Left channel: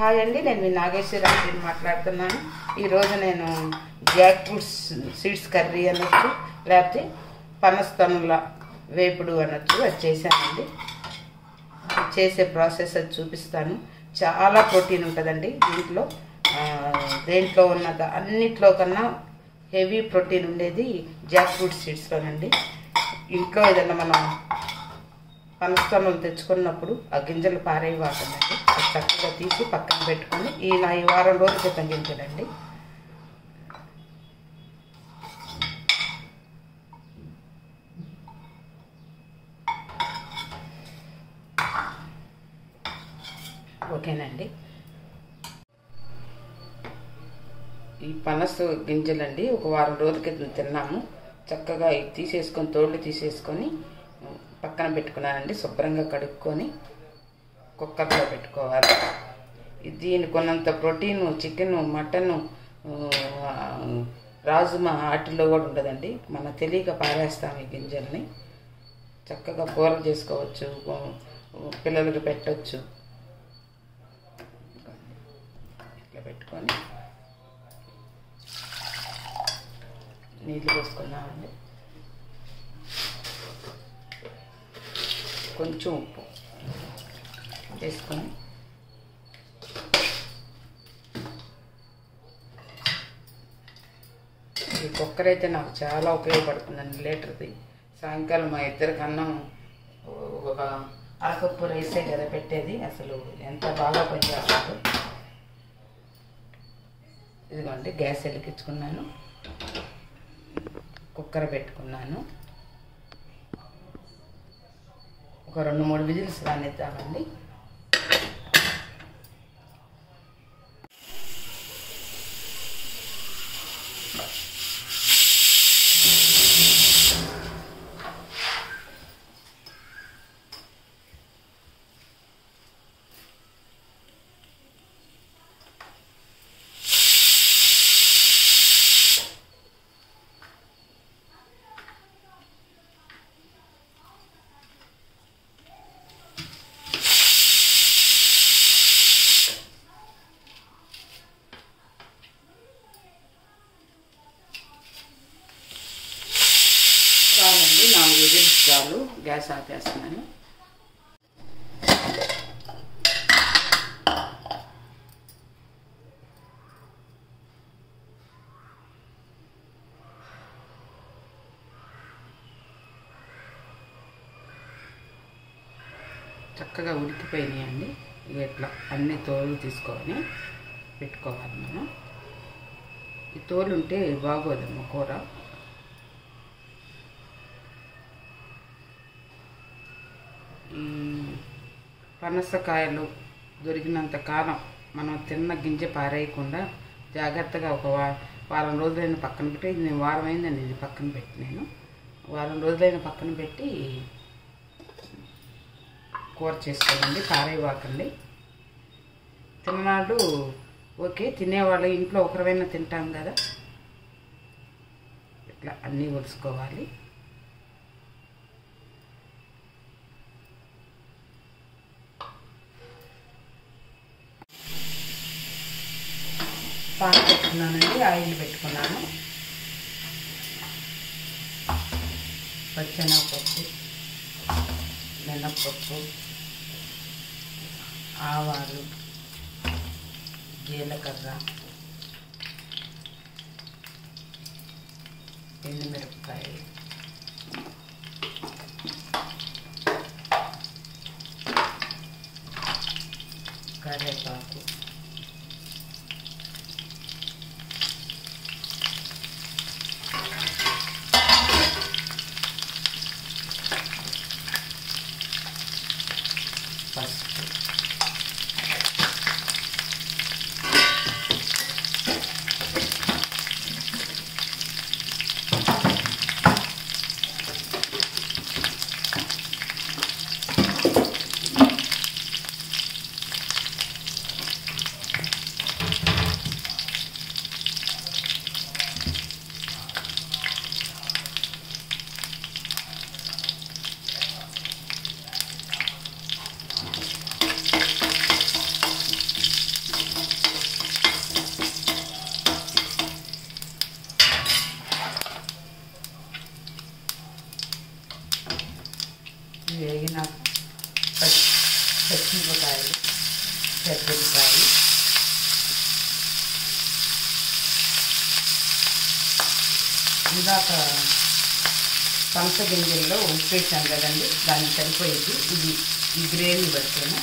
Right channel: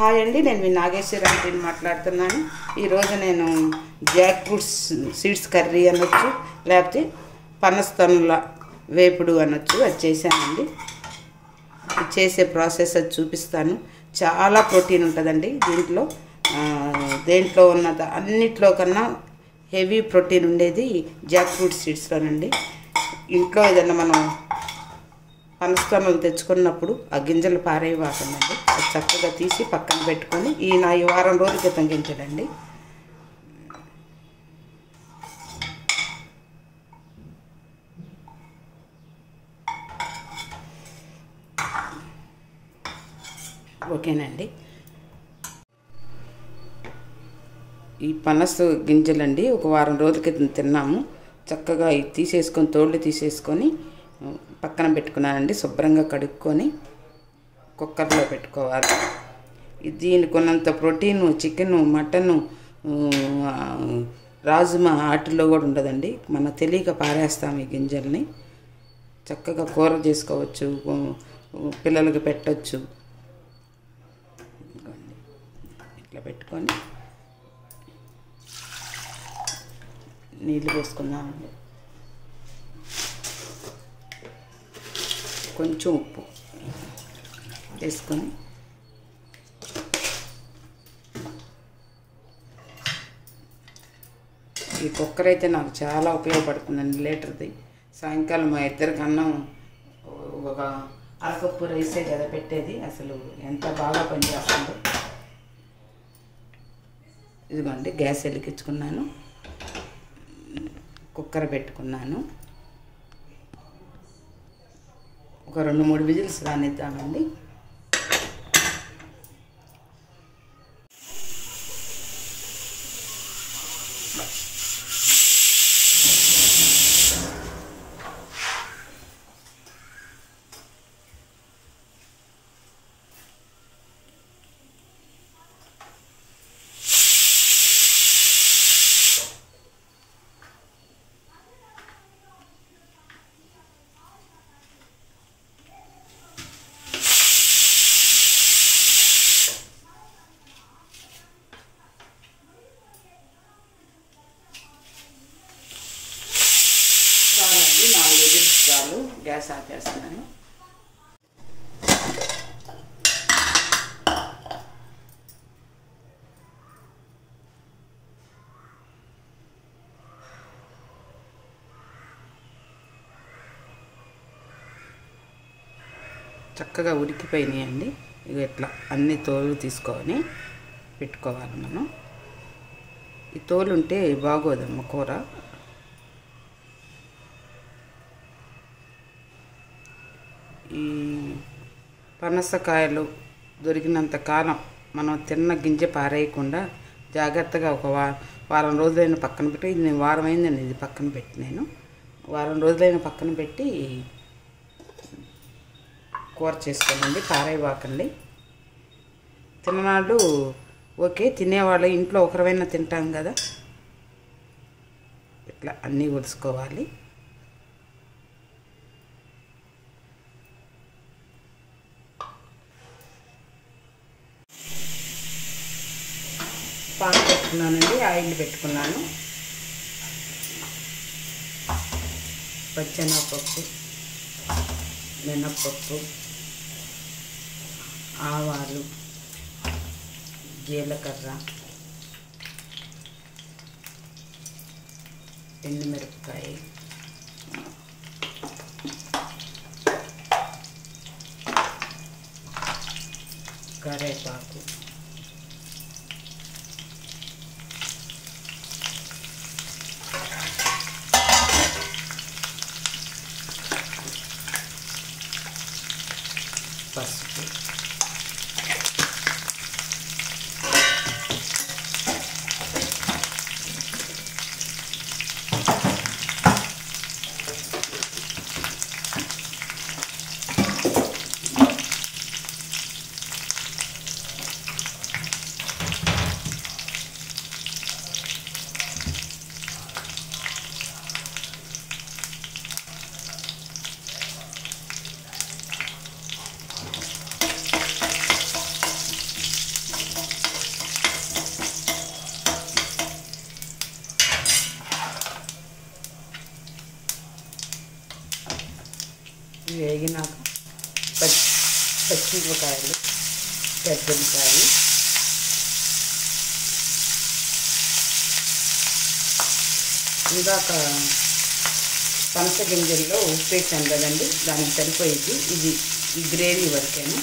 Hi అండి, నేను మీ నాగేశ్వరరావు మాట్లాడుతున్నాను. ఈరోజు నేను జాక్ ఫ్రూట్ సీడ్స్ కర్రీ అనొచ్చు, లేకపోతే పనస్తనుల వేపుడు అనొచ్చు. అది చేశానండి. చేసే ప్రాసెస్ అది చూపిస్తాను. చాలా ప్రోటీన్ ఉంటుందండి దీంట్లో. దేంట్లో ఉన్నది అన్నిట్లో కన్నా హెవీ ప్రోటీన్ ఉండేది జాక్ ఫ్రూట్ సీడ్స్లోనండి. ఇంట్లో ఏదైనా మనం పనస్తనులు తెచ్చుకున్నప్పుడు ఆ గింజలు పారేయవాకండి. చక్కగా తీసి పక్కన పెట్టుకొని ఈ వారం రోజుల క్రితం గింజలండి. ఓకేనండి. ఈ పనస గింజలండి ఒక వారం రోజుల క్రితం తిన్నాము. చక్కగా తీసేసుకొని తోళ్ళు తీసేసుకొని పక్కన పెట్టుకున్నానండి. శుభ్రంగా కడుక్కొని కుక్కర్లో పెట్టుకోవాలి. దీనికి ఉన్నంత ప్రోటీను చికెను, మటను, రాజుమా వాటిల్లో కూడా ఉండదండి. మన తెలియక పారేస్తాం ఈ గింజల్ని. చక్కగా కూర చేసుకోవచ్చు, పిల్లలకి పెట్టచ్చు. ఇట్లా పెట్టుకొని నీళ్ళు పోసుకున్నామండి. కొంచెం ఉప్పు వేసుకొని ఈ కుక్కర్ అయితే నాకు చాలా ఉపయోగపడుతుందండి. లీటర్ది. సాయంకాలం మా ఇద్దరికి అన్నం ఒక అరకప్పు రైసే కదా పెట్టేది. అసలు ఎంత బాగా పనిచేస్తుందో. ఇదిగోండి, గ్యాస్ వెలిగించుకున్నాను, కుక్కర్ పెట్టుకున్నాను. ఒక 2-3 విజిల్స్ రానిద్దామండి. చాలండి, 4 విజిల్స్ చాలు. గ్యాస్ ఆపేస్తున్నాను. చక్కగా ఉడికిపోయినాయండి. ఇక ఇట్లా అన్ని తోలు తీసుకొని పెట్టుకోవాలి మనం. ఈ తోలు ఉంటే బాగోదమ్మ కూర. ఈ పనసకాయలు దొరికినంత కాలం మనం తిన్న గింజ పారేయకుండా జాగ్రత్తగా ఒక వారం రోజులైన పక్కన పెట్టి, ఇది నేను వారం అయిందండి ఇది పక్కన పెట్టి, నేను వారం రోజులైన పక్కన పెట్టి కూర చేసుకోండి. పారేయవాకండి. తిన్ననాళ్ళు ఓకే, తినేవాళ్ళు ఇంట్లో ఒకరివైనా తింటాం కదా. ఇట్లా అన్నీ ఒలుసుకోవాలి. పాన్ పెట్టుకున్నానండి, ఆయిల్ పెట్టుకున్నాను. పచ్చెనగపప్పు, మినప్పప్పు, ఆవాలు, జీలకర్ర, ఎండుమిరపకాయ, కరివేపాకు, పసుపు, పచ్చిమిరపకాయలు, పెద్దమిరపకాయలు, ఇందాక పనస గింజల్లో ఉప్పు వేసాను కదండి, దానికి సరిపోయేది ఇది. ఈ గ్రేవీ వరకేనా.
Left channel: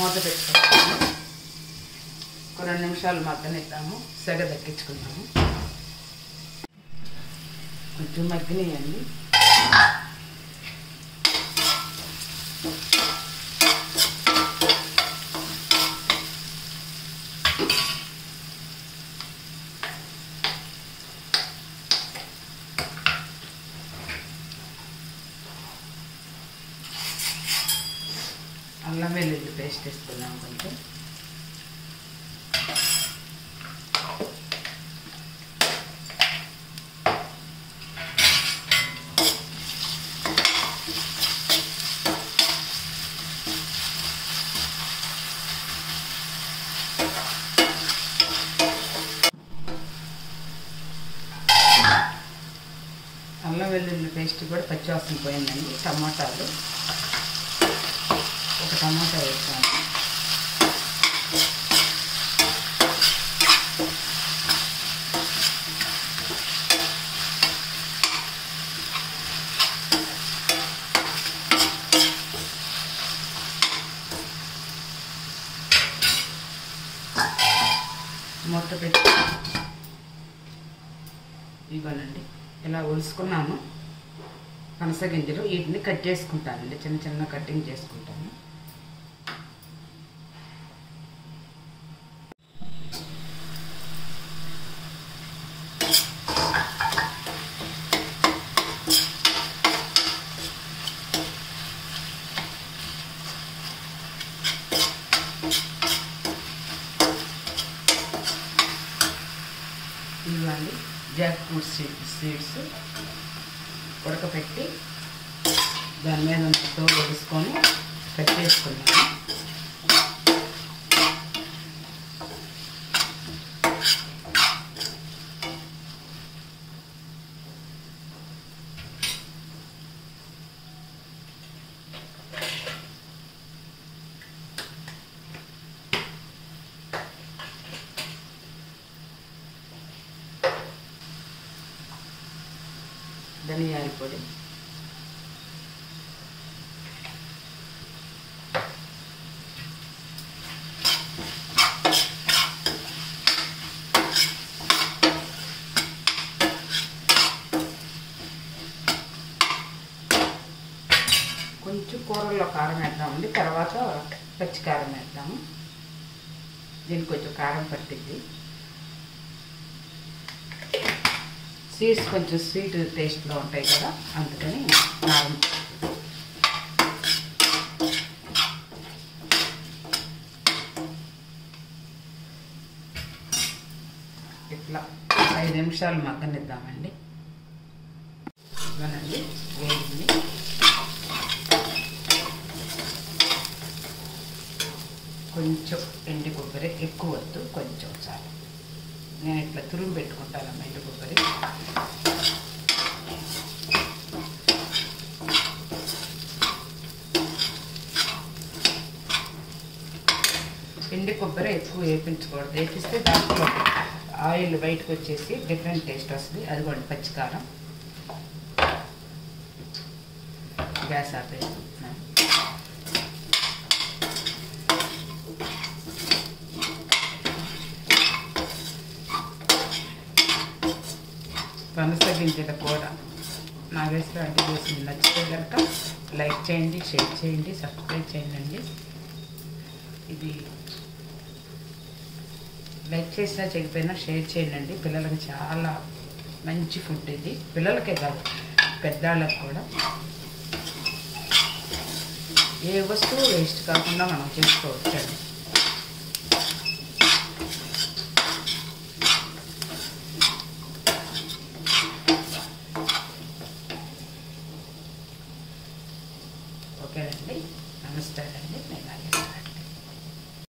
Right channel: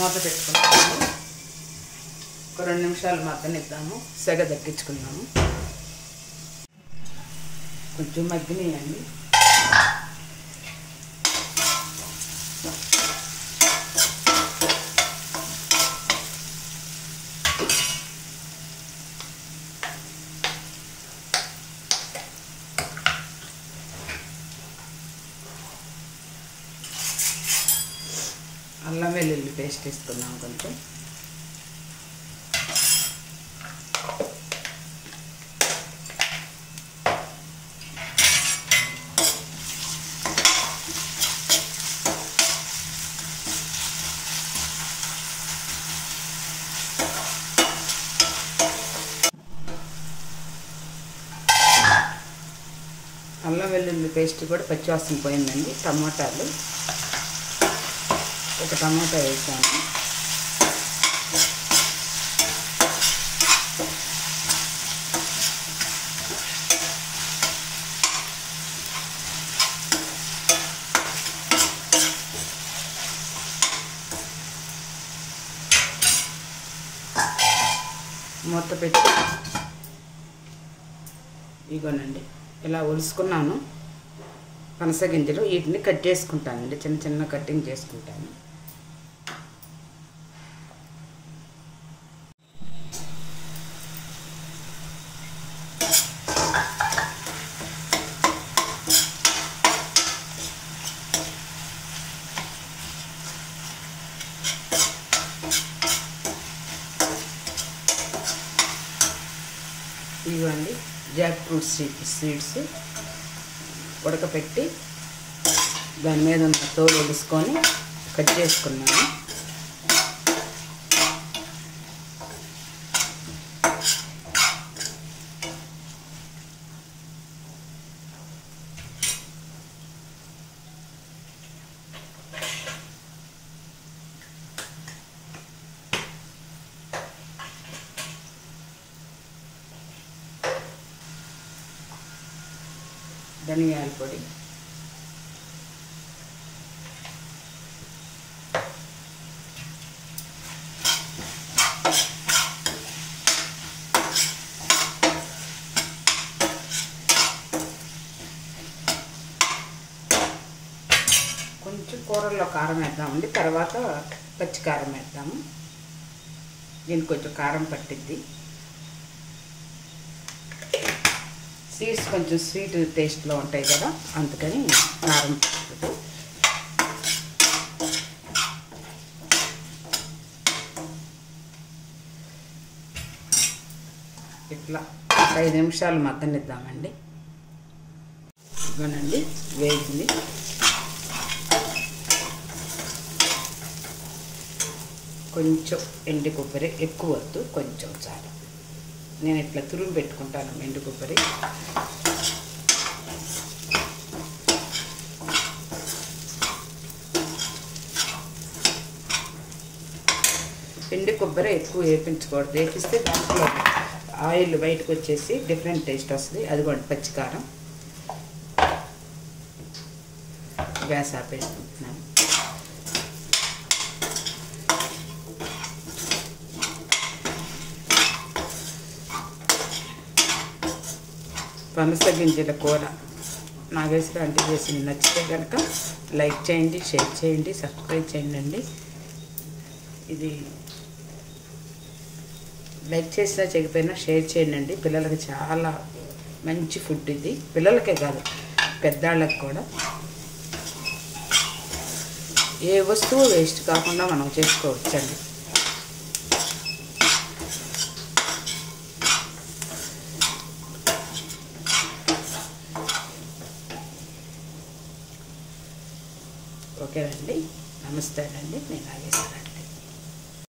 మూత పెట్టుకుంటాము. ఒక 2 నిమిషాలు మగ్గనిద్దాము. సెగ దక్కించుకుందాము. కొంచెం మగ్గినాయండి. అల్లం వెల్లుల్లి పేస్ట్ వేసుకున్నాం కొంచెం. అల్లం వెల్లుల్లి పేస్ట్ కూడా పచ్చివాసన పోయిందండి. టమాటాలు, ఒక టమాటా వేసాను. మూత పెట్టి ఇగోనండి ఇలా ఒలుసుకున్నాను పనస గింజలు. వీటిని కట్ చేసుకుంటానండి, చిన్న చిన్న కటింగ్ చేసుకుంటాను. ఇవ్వండి జాక్ ఫ్రూట్ సీడ్స్ ఉడకపెట్టి దాని మీద ఉన్న తోలు వేసుకొని కట్ చేసుకున్నాను. ధనియాల పొడి, కొంచెం కూరల్లో కారం వేద్దామండి, తర్వాత పచ్చి కారం వేద్దాము. దీనికి కొంచెం కారం పట్టిద్ది. సీడ్స్ కొంచెం స్వీట్ టేస్ట్లో ఉంటాయి కదా, అందుకని కారం. ఇట్లా 5 నిమిషాలు మగ్గనిద్దామండి. ఇవ్వనండి వేగింది. కొంచెం ఎండు కొబ్బరి, ఎక్కువ వద్దు, కొంచెం చాలు. నేను ఇట్లా తురుము పెట్టుకుంటాను ఎండు కొబ్బరి. ఎండు కొబ్బరి ఎక్కువ వేపించకూడదు. వేపిస్తే దాంట్లో ఆయిల్ బయటకు వచ్చేసి డిఫరెంట్ టేస్ట్ వస్తుంది. అదిగోండి పచ్చికారం. గ్యాస్ ఆపేసుకుంటున్నాను. పనస గింజల కూర నాగేశ్వర అంటే చేసింది నచ్చితే కనుక లైక్ చేయండి, షేర్ చేయండి, సబ్స్క్రైబ్ చేయండి. ఇది లైక్ చేసినా చేయకపోయినా షేర్ చేయండి. పిల్లలకి చాలా మంచి ఫుడ్ ఇది. పిల్లలకే కాదు, పెద్దవాళ్ళకి కూడా. ఏ వస్తువు వేస్ట్ కాకుండా మనం చేసుకోవచ్చండి. ఓకే అండి, నమస్తే అండి, నేను రాజేశ్వరి.